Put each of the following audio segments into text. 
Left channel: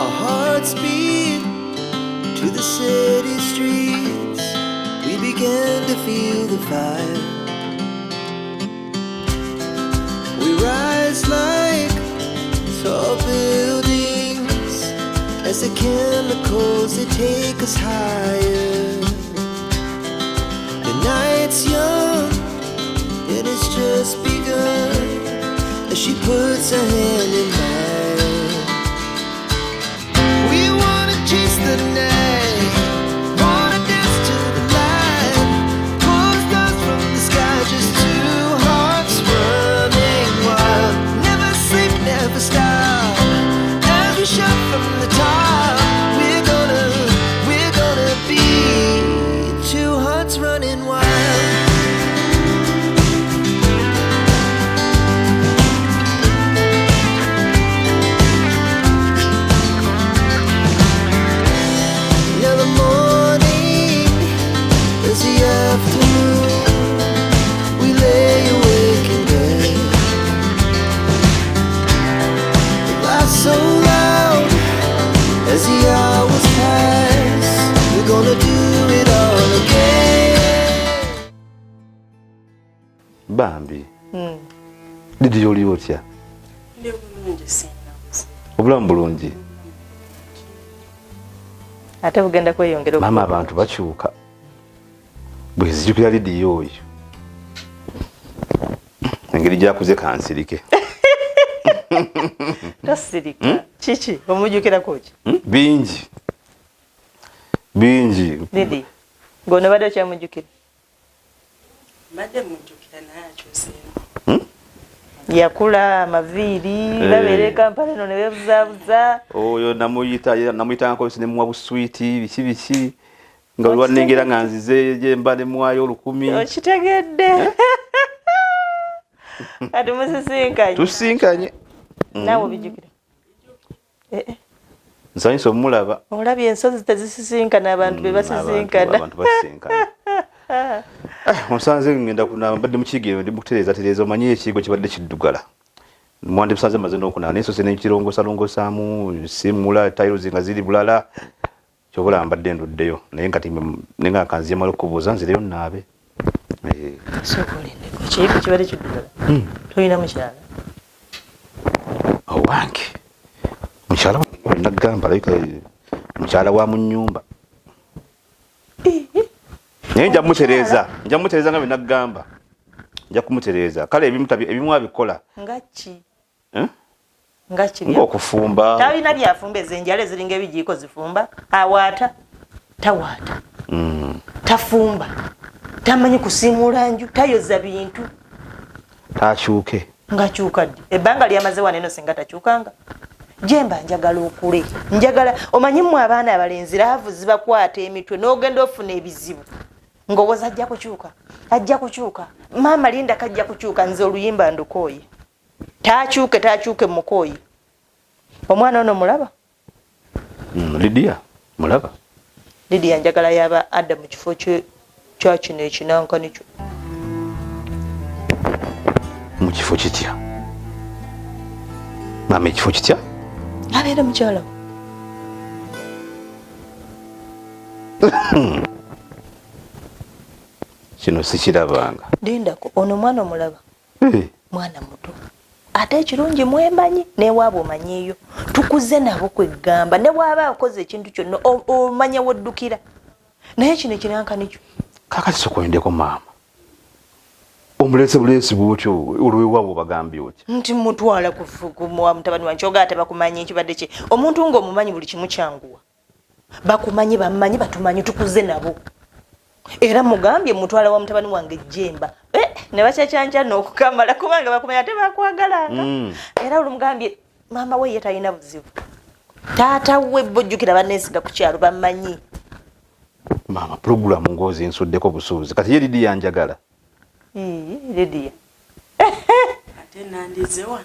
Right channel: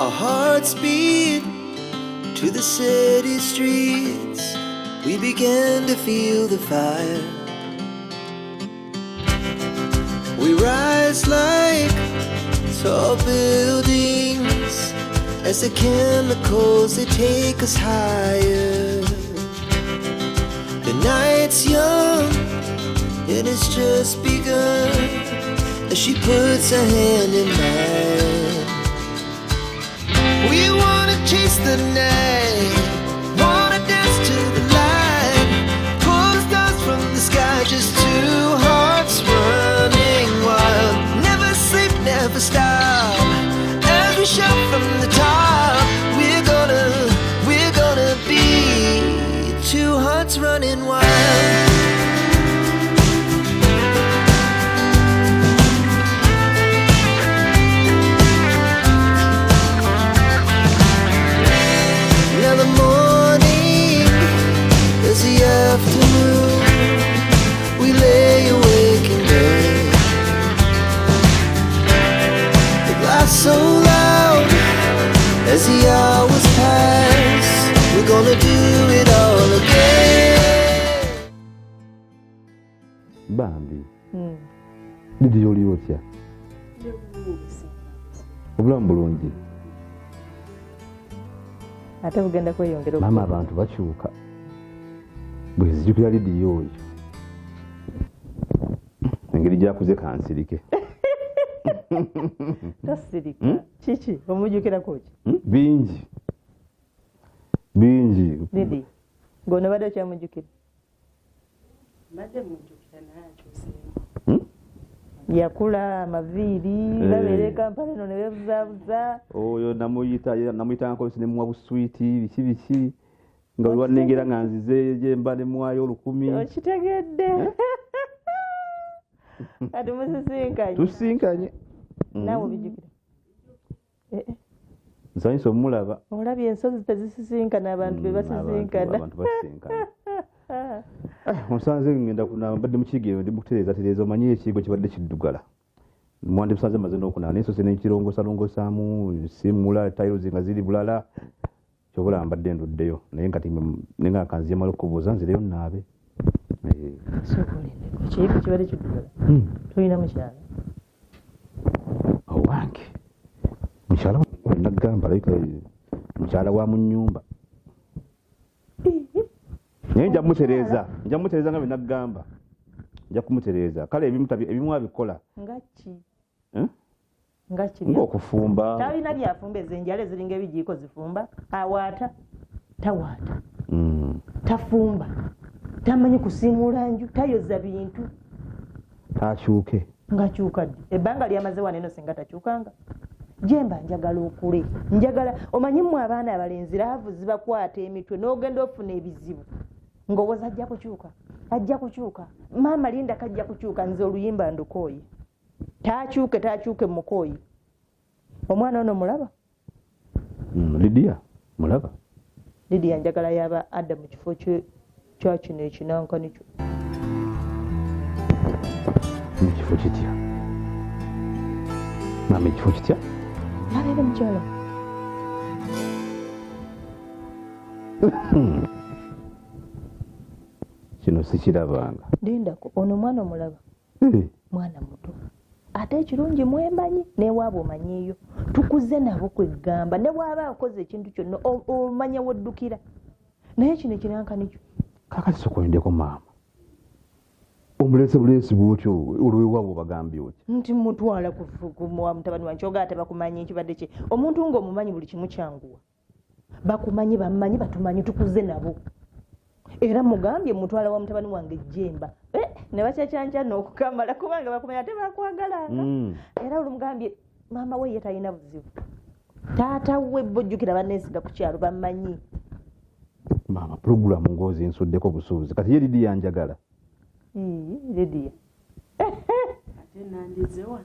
Our hearts beat to the city streets. We began to feel the fire. We rise like tall buildings as the chemicals, they take us higher. The night's young and it's just begun as she puts her hand in mine. We wanna chase the night, wanna dance to the light, pull the stars from the sky, just two hearts running wild. Never sleep, never stop, as we shout from the top. We're gonna be two hearts running wild. Now the morning is the afternoon. We lay awake in bed. The laughs so loud as the hours pass. We're gonna do it all again. Bambi. Didi yoli otya? Ndi bulungi singa. Obulamu bulungi. Ate bugenda kweyongera Mama abantu bakyuka. Bwezijukira Didi yoyo. Engeri gyakuze kansirike. Tasirika. Chichi, omujukira koki? Bingi. Bingi. Didi. Gone bado kyamujukira. Mbadde mujjukira naye akyuseemu. Yakula amaviiri babeera Kampala eno ne beebuzaabuza. Oyo namuyita nkosi ne muwa buswiti biki nga olwannengera nga nzize gye mba ne muwayo 1000. Okitegedde. Kati musisinkanye. Tusinkanye. Naawe obijjukira? Nsanyusa omulaba. Olabye ensozi tezisisinkana abantu be basisinkana. Abantu basisinkana. Musanze ngenda kunaba mbadde mu kigero ndi mukutereeza omanyi ekigo kibadde kiddugala. Mwandi musanze maze n'okunaba n'ensozi n'ekirongosaalongosaamu simula tiles nga ziri bulala. Kyobula mbadde nduddeyo naye nkati nenga kanziye malo kubuuza nzireyo naabe. Sokolindeko ekigo kibadde kiddugala. Toyina mukyala? Owange mukyala nagamba like mukyala wa mu nnyumba. Naye nja kumutereeza nga bwe nagamba. Nja kumutereeza. Kale ebimu abikola. Ngaki? Ngaki? Ng'okufumba. Talina byafumba ezenjala eziringa ebijiiko zifumba. Awaata. Tawaata. Tafumba. Tamanyi kusiimula nju. Tayoza bintu. Takyuke. Ngakyuka ddi? Ebbanga lyamaze wano eno singa takyukanga. Jemba njagala okule. Njagala omanyi mmwe abaana abalenzi laavu zibakwata emitwe n'ogenda ofuna ebizibu. Ngowooza ajja kukyuka. Ajja kukyuka. Maama Linda kajja kukyuka nze oluyimba ndukooye. Takyuke mukooye. Omwana ono mulaba? Lydia mulaba. Lydia njagala yaba adda mu kifo kya kino ekinankani kyo. Mu kifo kitya? Maama ekifo kitya? Abeera mukyala. Kino sikirabanga. Lindako ono mwana omulaba. Mwana muto. Ate ekirungi mwemanyi newaaba omanyiiyo. Tukuze nabo kwegamba ne bw'aba akoze ekintu kyonna omanya woddukira. Naye kino ekinankani kyo. Kakati sokolindeko maama. Omulese bulesi bwotyo olwewaabo bagambye otya? Nti mutwala kumuwa mutabani wange kyoga ate bakumanyi ekibadde kye. Omuntu ng'omumanyi buli kimu kyanguwa. Bakumanyi bammanyi batumanyi tukuze nabo. Era mugambye mutwala wa mutabani wange Jemba. Ne bakyakyanja n'okukamala kubanga bakumanya ate bakwagalanga. Era olumugambye maama we ye talina buzibu. Taata we bojjukira banneesiga ku kyalo bammanyi. Maama program ngozi nsuddeko busuuzi. Kati ye Lydia yanjagala. Lydia. Ate nandize wano.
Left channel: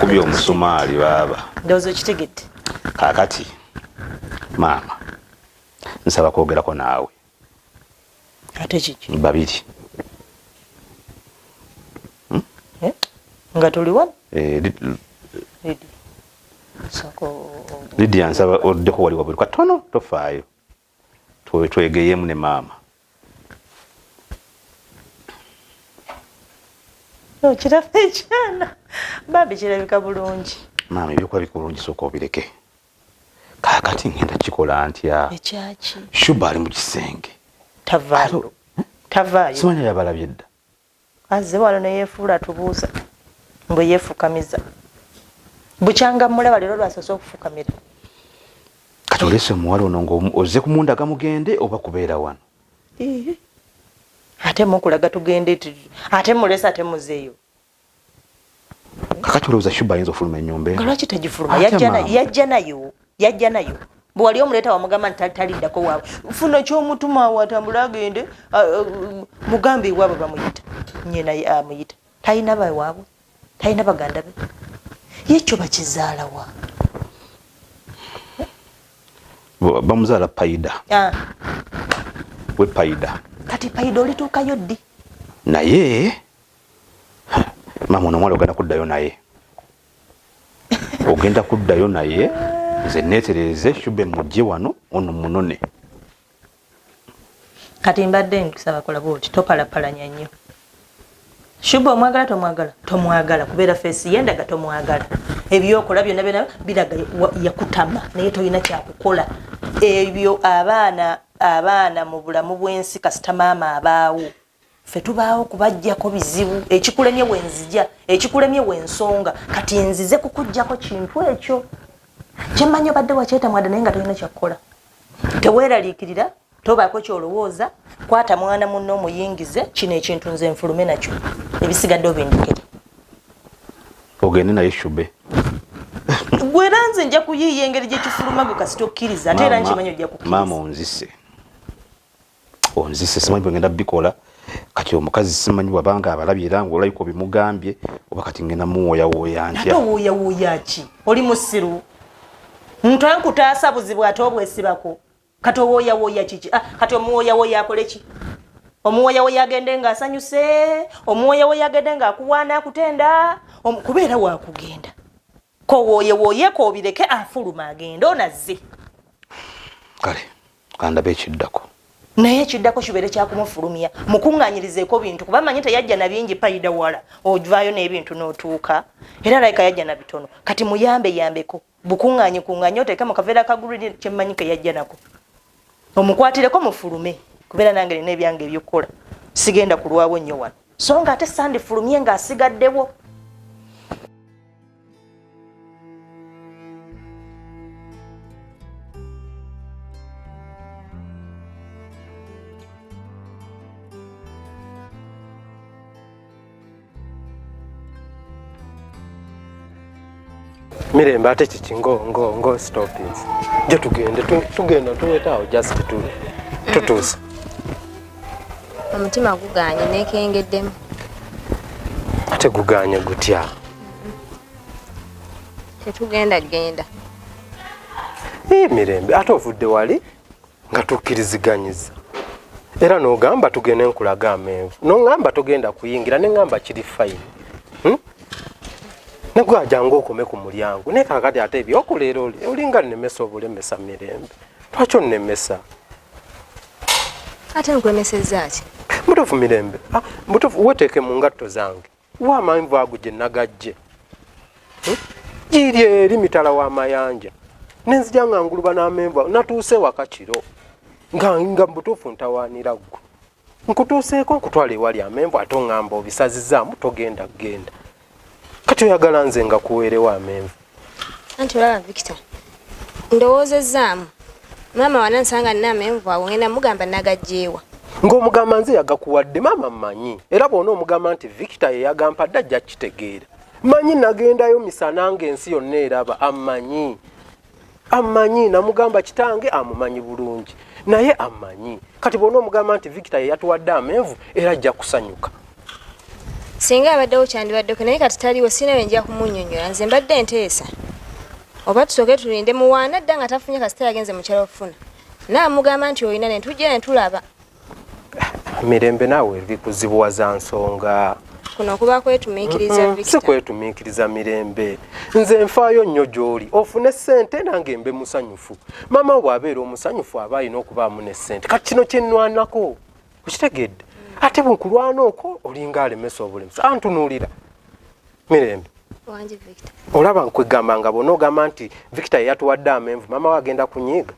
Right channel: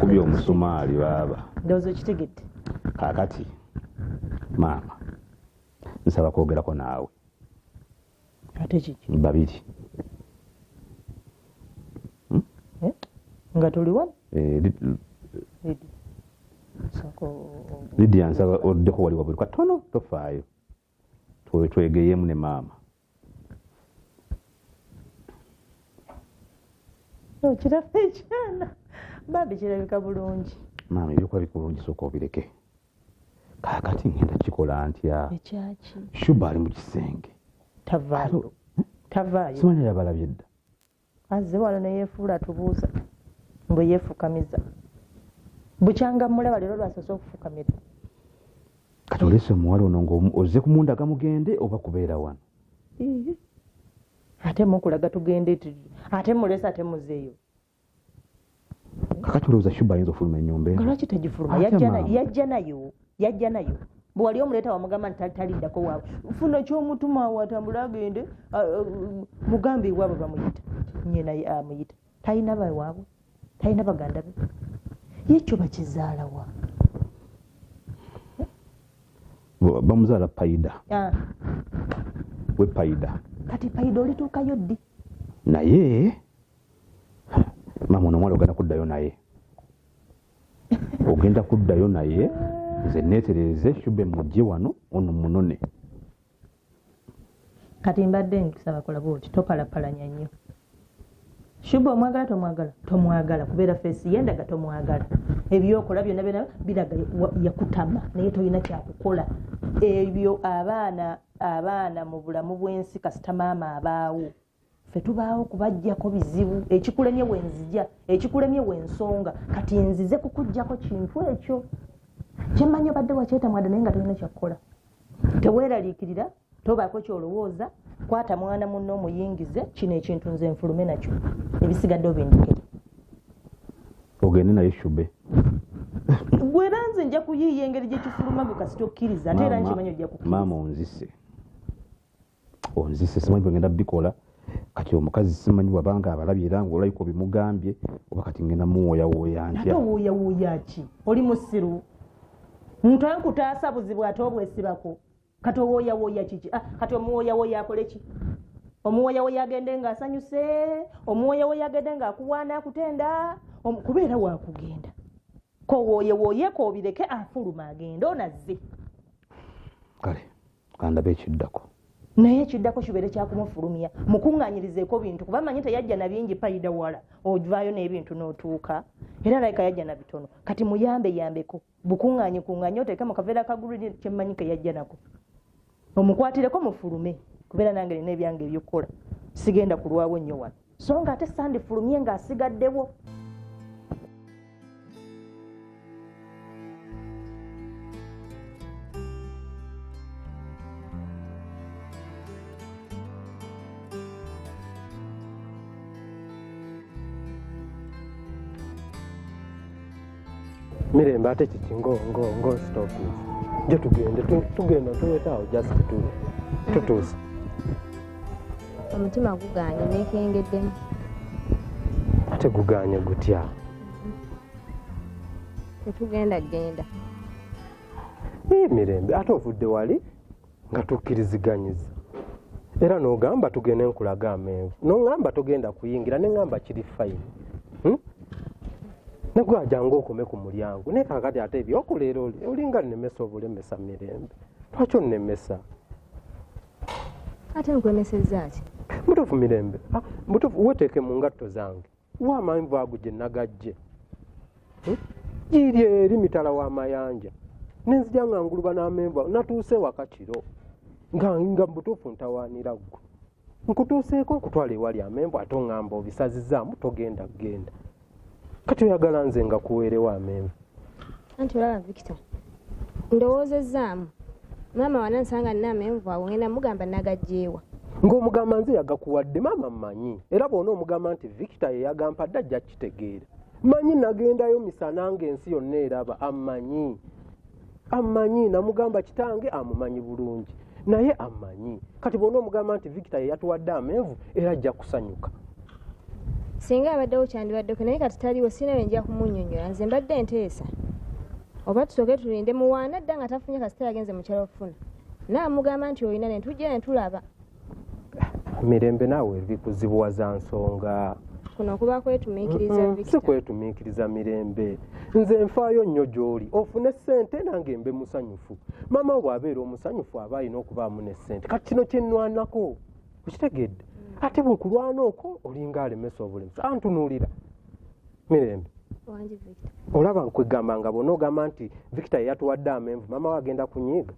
Kubye omusumaali baaba. Ndowooza okitegedde. Kaakati maama nsaba kwogerako naawe. Ate kiki? Babiri. Nga tuli wano? Lydia. So. Lydia nsaba oddeko wali wabuli katono tofaayo twegeyemu ne maama kirabika ekyana bambi kirabika bulungi maama ebyokuba bikulungi sooka obireke kaakati ngenda kikola ntya ekyaki Shuba ali mu kisenge tavaayo simanya yabalabye dda azze wano neyeefuula tubuuza mbwe yeefukamiza bukyanga mulaba leero lwasoose okufukamira kati olese omuwala ono ng'ozze kumundaga mugende oba kubeera wano ate mukulaga tugende ate mulesa ate muzeeyo kakati olowooza Shuba ayinza ofuluma ennyumba nga lwaki tegifuluma yajja nayo bwe wali omuleeta wamugamba nti taliddako waabwe funa kyomutuma watambula agende mugambe ewaabwe bamuyita nyina amuyita talina bawaabwe talina baganda be yekyo bakizaalawa bamuzaala Paida we Paida kati Paida olituukayo ddi naye maama ono omwala ogenda kuddayo naye ogenda kuddayo naye nze neetereze Shuba mujje wano ono munone kati mbadde nkusaba kola bwoti topalapalanya nnyo Shuba omwagala tomwagala kubeera feesi yendaga tomwagala ebyokola byonna biraga yakutama naye tolina kyakukola ebyo abaana mu bulamu bw'ensi kasita maama abaawo ffe tubaawo kubajjako bizibu ekikulemye wenzija ekikulemye wensonga kati nzize kukujjako kintu ekyo kyemmanyi obadde wakyetamwada naye nga tolina kyakukola teweeraliikirira tobaako kyolowooza kwata mwana munno omuyingize kino ekintu nze nfulume nakyo ebisigadde obindikire ogende naye Shuba gwera nze nja kuyiiya engeri gyekifuluma gwe kasita okkiriza ate era nkimanyi ojja kukkiriza maama onzise simanyi bwengenda bikola kati omukazi simanyi wabanga abalabye era ngaolayiko bimugambye oba kati ngenda muwooyawooya ntya ate owooyawooya ki oli musiru muntu ankutaasa buzibu ate obwesibako kati owooyawooya kiki kati omuwooyawooya akole ki omuwooyawooya agende ng'asanyuse omuwooyawooya agende ng'akuwaana akutenda kubeera waakugenda kowooyewooyeko obireke afuluma agende onazze kale kandabe ekiddako naye ekiddako kibeere kyakumufulumya mukuŋŋaanyirizeeko bintu kuba manyi teyajja na bingi Paida wala ovaayo n'ebintu n'otuuka era layika yajja na bitono kati muyambeko bukuŋŋaanye oteeke mu kaveera kaguliri kyemmanyi ke yajja nako omukwatireko mufulume kubeera nange nina ebyange ebyokukola sigenda kulwawo nnyo wano so nga ate sandifulumye ng'asigaddewo Mirembe ate kiki ngo stop this. Je tugenda tuyetawo just tutuusa. Omutima guganye nekengeddemu. Ate guganye gutya. Tetugenda. Mirembe ate ovudde wali nga tukkiriziganyiza. Era n'ogamba tugende nkulaga amenvu. N'ongamba togenda kuyingira n'engamba kiri fine. Negwajanga okome ku mulyango naye kakati ate ebyokuleera olinga nnemesa obulemesa Mirembe lwaki onnemesa ate nkwemesezza ki mutuufu Mirembe mutuufu weteeke mu ngatto zange wa amenvu ago gye nagajje giri eri mitala w'amayanja nenzija nga nguluba n'amenvu natuuse waka kiro nga mutuufu ntawaanira ggwe nkutuuseeko nkutwala ewali amenvu ate oŋŋamba obisazizaamu togenda genda kati oyagala nze nga kuweerewo amenvu anti olaba Victor ndowoozezaamu maama wanansanga nina amenvu awo ngenda mugamba nagajjeewa ng'omugamba nze yagakuwadde maama mmanyi era bw'ona omugamba nti Victor ye yagampadde ajja kitegeera mmanyi nagendayo misana ng'ensi yonna eraba ammanyi namugamba kitange amumanyi bulungi naye ammanyi kati bw'ona omugamba nti Victor ye yatuwadde amenvu era ajja kusanyuka singa abaddewo kyandibaddeko naye kati taliwo sinawe nja kumunnyonnyola nze mbadde nteesa oba tusooke tulinde muwaana dda nga tafunye kasita yagenze mukyala okufuna naamugamba nti olina ne tujja ne tulaba Mirembe naawe bikuzibuwa za nsonga kuno kuba kwetumiikiriza Victor. Si kwetumiikiriza Mirembe. Nze nfaayo nnyo gy'oli ofune ssente nange mbe musanyufu. Mama bw'abeera omusanyufu aba alina okubaamu ne ssente. Kati kino kye nnwanako okitegedde. Ate bwenkulwana okwo olinga alemesa obulemesa. Antunuulira Mirembe. Wangi Victor. Olaba nkwegamba nga bw'onoogamba nti Victor yatuwadde amenvu mama we agenda kunyiiga.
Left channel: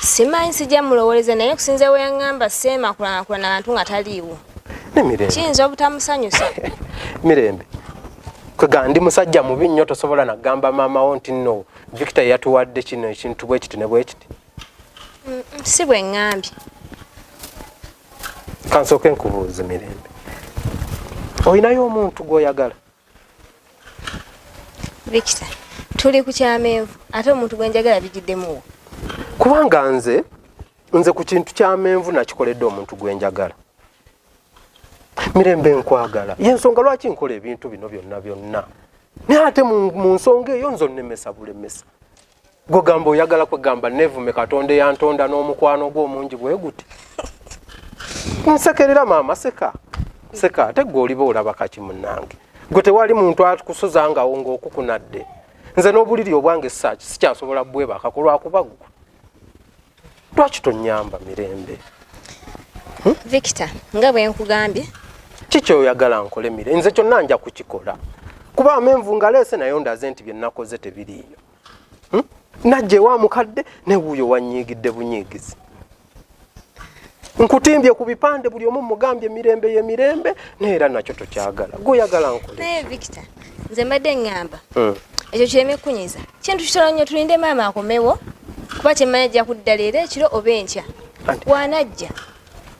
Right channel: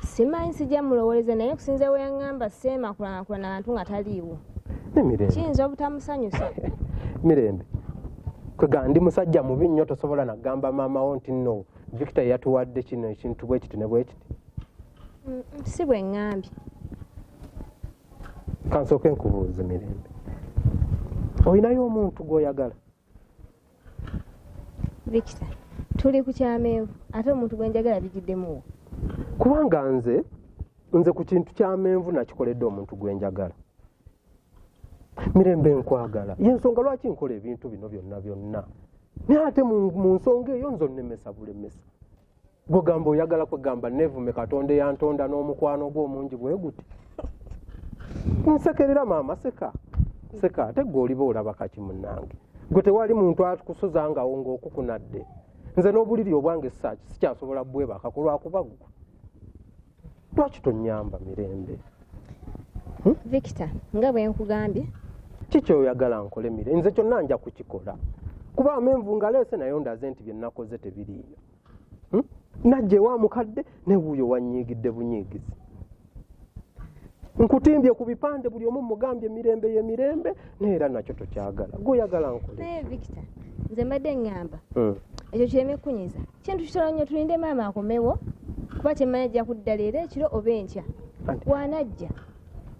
Simanyi sijja mulowoleza naye kusinza we yaŋŋamba seema kulanakulana abantu nga taliiwo. Ne Mirembe. Kiyinza obutamusanyusa. Mirembe. Kwegamba ndi musajja mubi nnyo tosobola nagamba maamawo nti nno Victor yatuwadde kino ekintu bwe kiti ne bwe kiti. Si bwe ŋŋambye. Kansooke nkubuuze Mirembe. Olinayo omuntu gw'oyagala? Victor, tuli ku kyamenvu ate omuntu gwe njagala bijiddemuwo. Kubanga nze ku kintu ky'amenvu nakikoledde omuntu gwe njagala. Mirembe nkwagala. Y'ensonga lwaki nkola ebintu bino byonna. Naye ate mu nsonga eyo nzonnemesa bulemesa. Gwogamba oyagala kwegamba nevume Katonda yantonda n'omukwano gw'omungi bwe guti. Nsekerera maama seka. Seka ate gwe oliba olaba kaki munnange. Gwe tewali muntu akusuzangawo ng'okukunadde. Nze n'obuliri obwange sikyasobola bwebaka kulwakuba gwe. Lwaki tonnyamba Mirembe? Victor, nga bwe nkugambye. Kiki oyagala nkole Mirembe? Nze kyonna nja kukikola. Kuba amenvu ngaleese nayo ndaze nti bye nakoze tebiriiyo. Najje wa mukadde ne wuuyo wanyiigidde bunyiigizi. Nkutimbye ku bipande buli omu mugambye Mirembe ye Mirembe neera nakyo tokyagala. Gwoyagala nkole. Naye Victor, nze mbadde ngamba. Ekyo kireme kunyiza. Kintu kitono nnyo tulinde maama akomewo. Kuba kyemmanyi ajja kudda leero ekiro oba enkya. Bw'anajja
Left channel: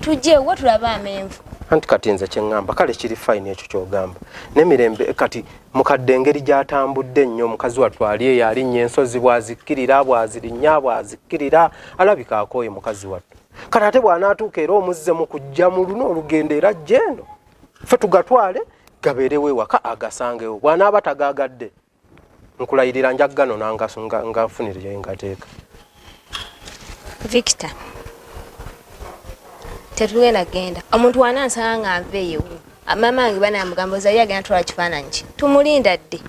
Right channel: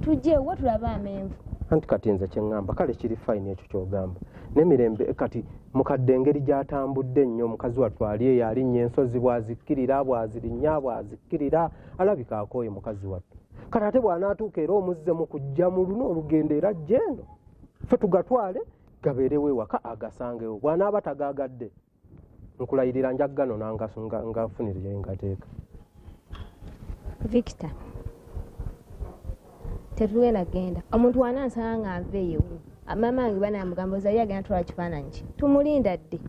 tujje wa tulaba amenvu. Anti kati nze kye ŋŋamba kale kiri fayini ekyo ky'ogamba. Ne Mirembe kati mukadde engeri gy'atambudde ennyo omukazi watwali eyo alinnya Ensozi bw'azikkirira bw'azirinnya bw'azikkirira alabika akooye mukazi wattu. Kati ate bw'anaatuuka era omuzze mu kujja mu luno olugendo era ajja eno. Ffe tugatwale gabeerewo ewaka agasangewo. Bw'anaaba tagaagadde nkulayirira njaggano nganfunire ngateeka. Victor, tetugenda genda. Omuntu wanansanga nga nveeyo. Maama wange banamugamba ozali agenda tutwala kifaananyi ki. Tumulinda dde.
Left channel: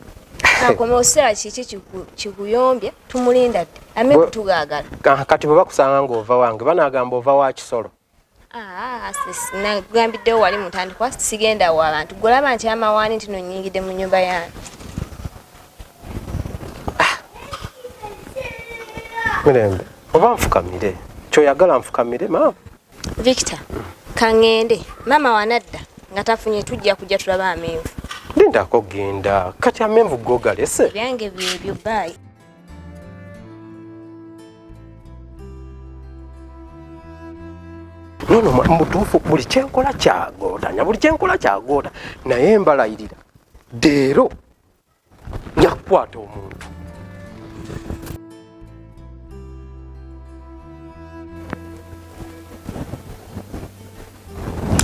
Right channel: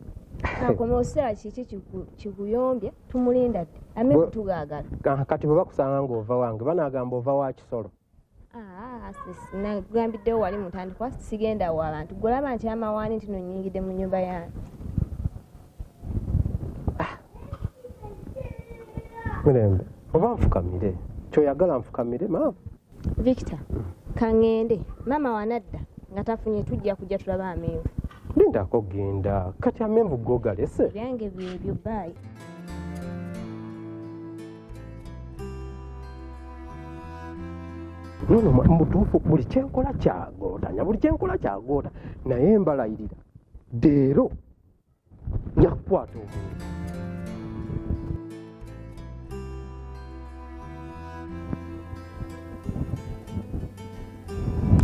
Akomewo kiseera kiki kikuyombye tumulinda dde. Amenvu tugaagala. Kati bwe bakusanga ng'ova wange banaagamba ova wa kisolo. Nagambiddewo wali mutandikwa sigenda wa abantu. Golaba nti amawaani nti nonyingidde mu nnyumba yange. Mirembe, oba nfukamire. Kyoyagala nfukamire maama. Victor, kangende. Maama wanadda nga tafunye tujja kujja tulaba amenvu. Lindako genda. Kati amenvu gogalese. Byange byebyo bye. Nono mutuufu buli kyenkola kyagootanya buli kyenkola kyagoota naye mbalayirira deero nyakukwata omuntu.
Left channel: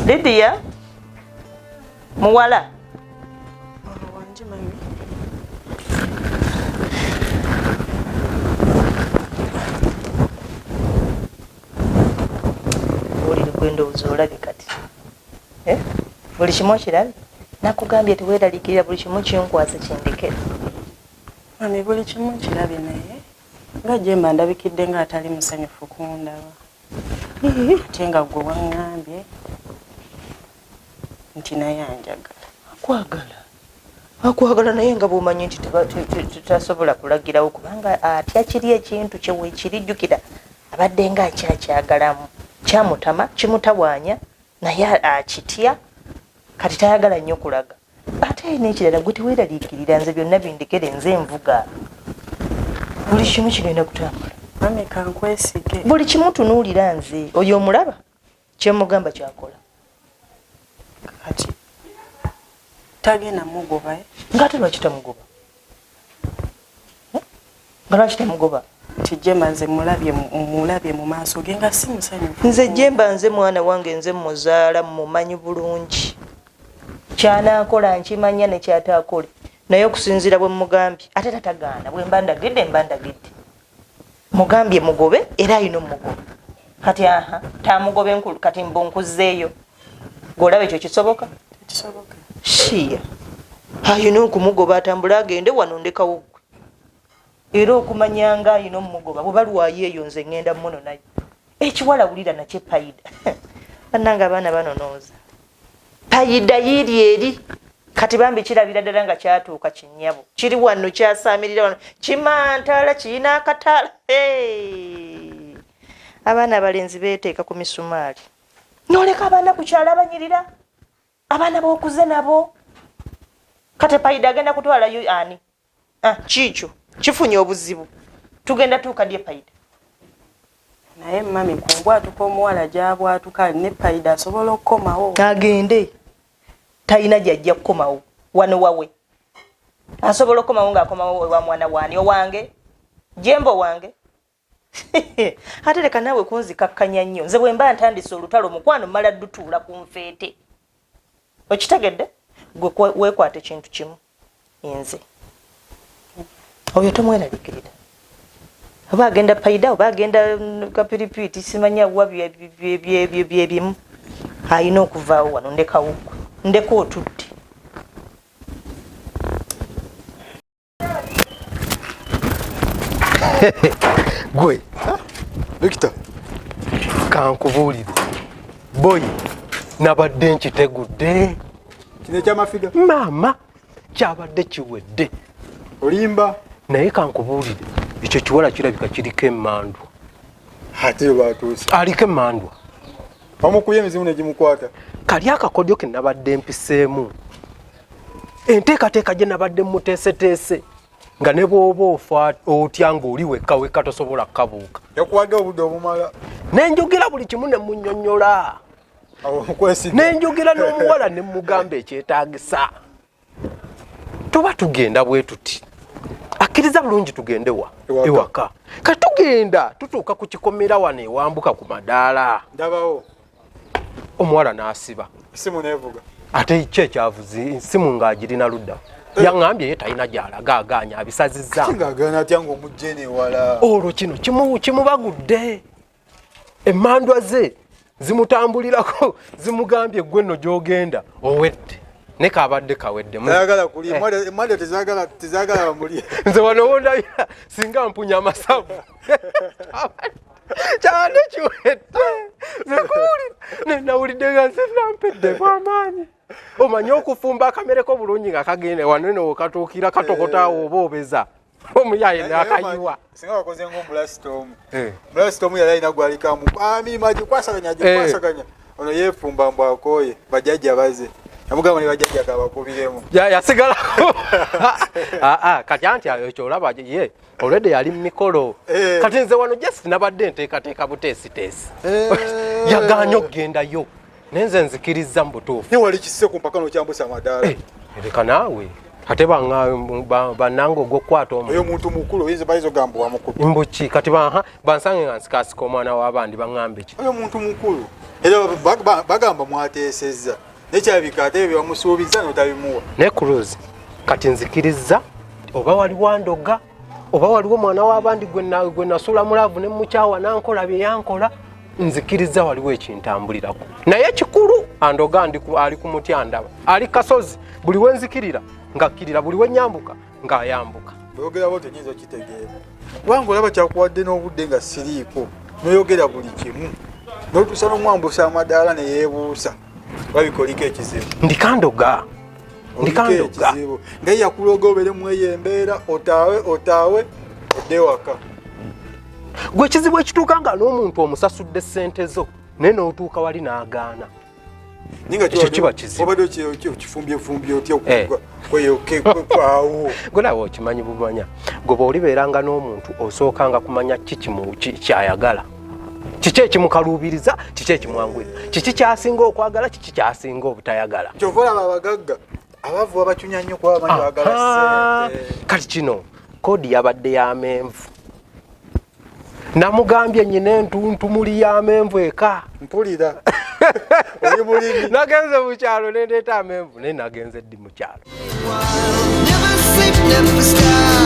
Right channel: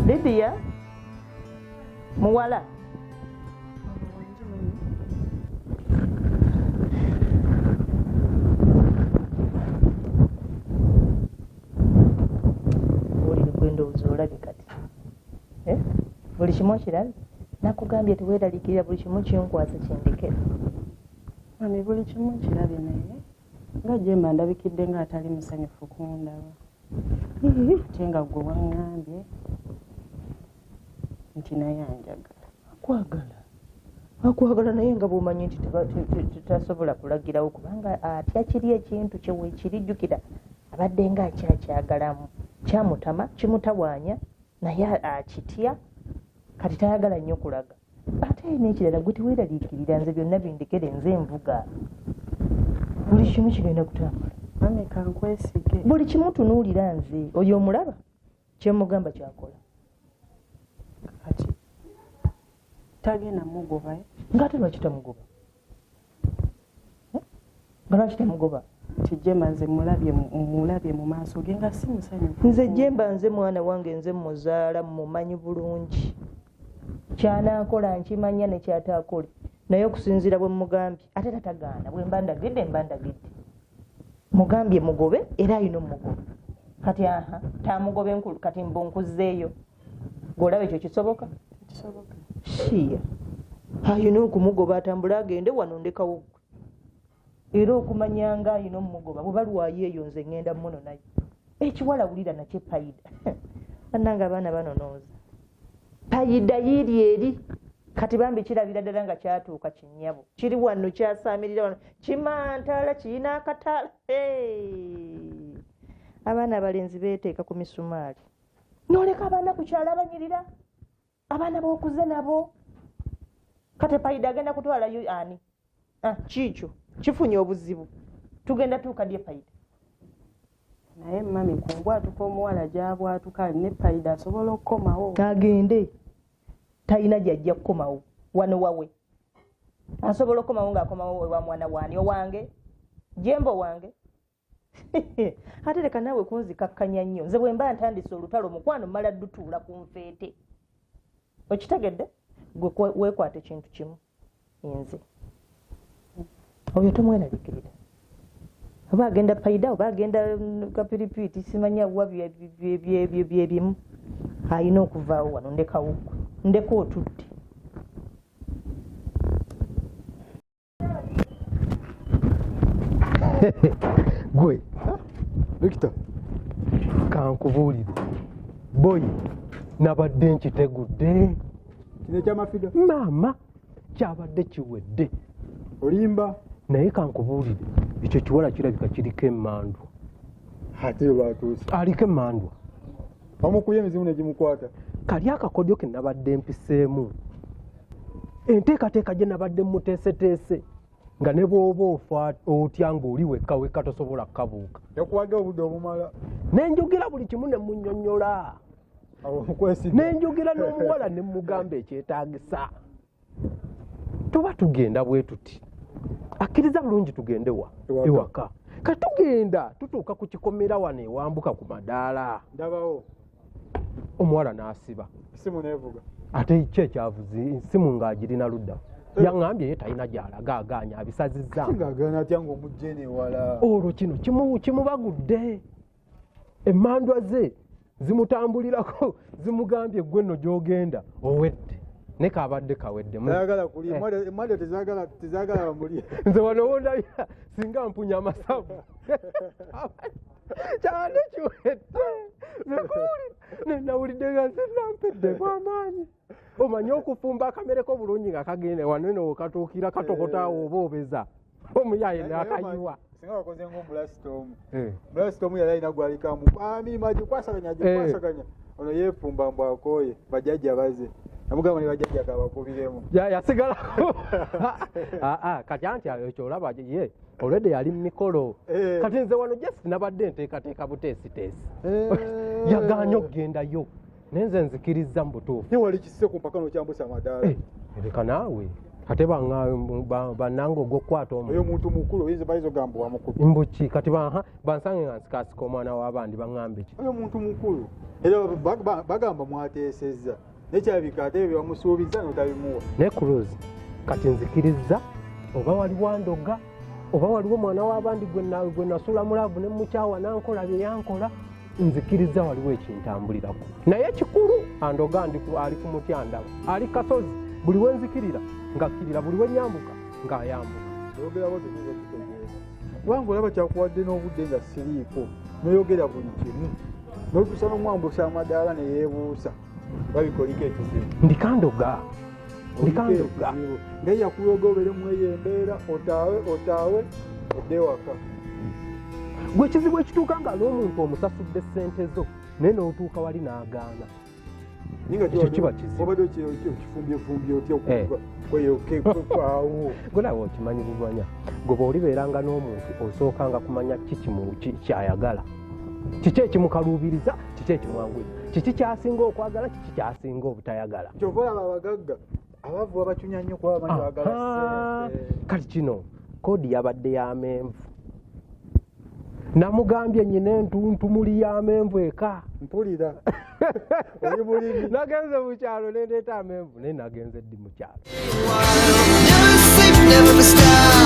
Lydia muwala Wangi mami. oliri kwendowooza olabye kati buli kimu okirabye nakugambye teweeraliikirira buli kimu kinkwasa kindekera. Mami buli kimu kirabye naye nga Jemba ndabikidde nga atali musanyufu kundaba. Ate nga gwe waŋŋambye nti naye anjagala. Akwagala naye nga bw'omanyi nti tutasobola kulagirawo kubanga atya kiri ekintu kyeweekirijjukira abadde nga akyakyagalamu kyamutama kimutawaanya naye akitya kati tayagala nnyo kulaga. Ate n'ekirala gwe teweeraliikirira nze byonna bindekere nze envuga buli kimu kigenda kutambula. Mami kankwesige. Buli kimu tunuulira nze oyo omulaba kyemugamba kyakola. Kati tagenda mugoba ng'ate lwaki tamugoba? Nga lwaki tamugoba? nti Jemba nze mulabye mu maaso ge nga si musanyufu. Nze Jemba nze mwana wange nze muzaala mumanyi bulungi kyanaakola nkimanya ne kyataakole naye okusinziira bwe mugambye ate tatagaana bwe mba ndagidde mugambye mugobe era ayina omugobe kati tamugobe nkulu kati mbunkuzeeyo gweolaba ekyo kisoboka? kisoboka shiya ayina okumugoba atambula agende wano ndekawo gwe era okumanyanga ayina omumugoba bwe balwayo eyo nze ŋŋenda muno nayo ekiwala wulira nakyo payida bannanga abaana banonooza payida yiri eri kati bambi kirabira ddala nga kyatuuka kinnyabo kiri wano kyasaamirira wano kimantala kirina akatala abaana abalenzi beeteeka ku misumaali noleka abaana ku kyalo abanyirira abaana b'okuze nabo kati payida agenda kutwalayo ani kiikyo kifunye obuzibu tugenda tuukadye payida naye mami kumbwatuka omuwala gyabwatuka ne payida asobola okukomawo agende talina gyajja kukomawo wano wawe asobola okukomawo ng'akomawo wa mwana waani owange jembo wange ate leka naawe kunzikakkanya nnyo nze bwe mba ntandise olutalo mukwano mmala dutuula ku nfeete okitegedde gwe weekwata ekintu kimu nze oyo tomweraliikirira oba agenda payida oba agenda kapiripiti simanya wa byebimu ayina okuvaawo wano ndekawo ndeka otudde gwe Victor kankubuulire boyi nabadde nkitegudde kino ekyamafiga maama kyabadde kiwedde olimba naye kankubuulire ekyo kiwala kirabika kiriko emmandwa ate batuuse aliko emmandwa bamukuye emizimu negimukwata kali akakodyo ke nabadde mpiseemu enteekateeka gye nabadde muteeseteese nga ne bw'oba ofa otya ng'oli wekka wekka tosobola kukabuuka yakuwadde obudde obumala nenjogera buli kimu ne munnyonnyola nenjogera n'omuwala ne mugamba ekyetaagisa tuba tugenda bwe tuti akkiriza bulungi tugende ewaka kati tugenda tutuuka ku kikomera wano ewambuka ku madaala ndabawo omuwala n'asiba simu nevuga ate ki ekyavuzi simu ng'agirina ludda yaŋŋambye ye talina gy'alaga agaanya abisazizza ng'agaana atya ng'omugje newala olwo kino kimubagudde emmandwa ze zimutambulirako zimugambye gwe nno gy'ogenda owedde ne kabadde kawedde ayagala kulya emmandwa tezaagala bamulye nze wano wondabira singa mpunya amasavu kyane kiwedde nenawulidde nga nze nampedde kwamaanyi omanye okufumba akamereko bulungi nga kagende wanene okatuukira katokotaawo oba obeza omuyaye nakayiwa singa wakoze ngaomulasitomu mulasitomu yali alina gwalikamu amima gikwasaganya ono yeefumba mbu akooye bajjajja baze yamugamba ne bajjajja kabakubiremu yasigalako kati anti ekyo olaba ye olwedde yali mumikolo kati nze wano just nabadde nteekateeka buteesiteesi yagaanya okugendayo nenze nzikiriza mu butuufu ne wali kisise ku mpaka nokyambusa amadaala ereka naawe ate bannanga ogwokukwata oyo omuntu mukulu oyinza bayiza ogamba wamukubi mbuki kati bansange nga nsikasika omwana w'abandi baŋŋambe ki oyo omuntu mukulu era bagamba mwateesezza nekyabika ate ebyo bamusuubiza notabimuwa ne cruise kati nzikiriza oba waliwo ndoga oba waliwo omwana w'abandi gwe nasula mulaavu ne mukyawa nankola bye yankola nzikiriza waliwo ekintambulirako naye kikulu andoga ali ku mutya ndaba ali kasozi buli we nzikirira ngakkirira buli we nyambuka ng'ayambuka oyogera bo tenyinza okitegeera kubanga olaba kyakuwadde n'obudde nga siriiko noyogera buli kimu notuusa n'omwambusa amadaala neyeebuusa babikoliko ekizibu ndikandoga ngaye yakuloga obere mweyo embeera otaawe odde waka gwe ekizibu ekituuka nga n'omuntu omusasudde ssente zo naye n'otuuka wali n'agaana ekyo kiba kizibu obadde okifumbyefumby otya kweyokekwawo gwe nawe okimanyi bumanya gwe bw'olibeeranga n'omuntu osookanga kumanya kyayagala kiki ekimukaluubiriza kiki ekimwanguyira kiki kyasinga okwagala kiki kyasinga obutayagala kyova olaba abagagga abavu babacunya nnyo kuba bamanyi bagala ssente kati kino koodi yabadde y'amenvu namugambye nyina entuntumuli y'amenvu eka mpulira oli mulimi nagenze mu kyalo nendeeta amenvu naye nagenze ddi mu kyalo Never sleep, never stop.